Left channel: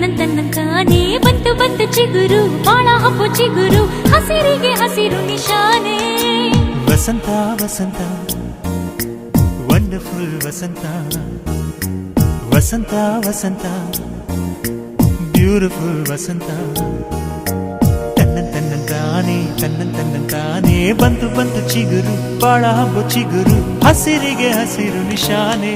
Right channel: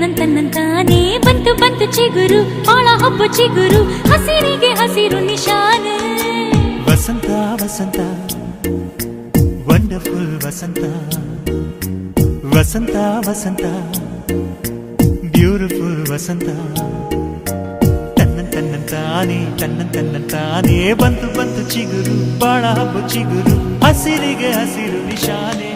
ತನ್ನಂತಾನೇ ಬಂತು ಬಂತು ಚಿಗುರು ಒಳ ಹಬ್ಬ ಚಿಗುರು ಹಸಿರಿಗೆ ಹಸಿರು ನಿಶಾನೆ ವಸಂತ ವಸಂತ ವಂಡರ್ಫುಲ್ ವಸಂತ ವಸಂತ ವಸಂತ ಬ್ಯೂಟಿಫುಲ್ ವಸಂತ ತನ್ನಂತಾನೇ ಬಂತು ಬಂತು ಚಿಗುರು ಬಾಳ ಹಬ್ಬ ಚಿಗುರು ಹಸಿರಿಗೆ ಹಸಿರು ನಿಶಾನೆ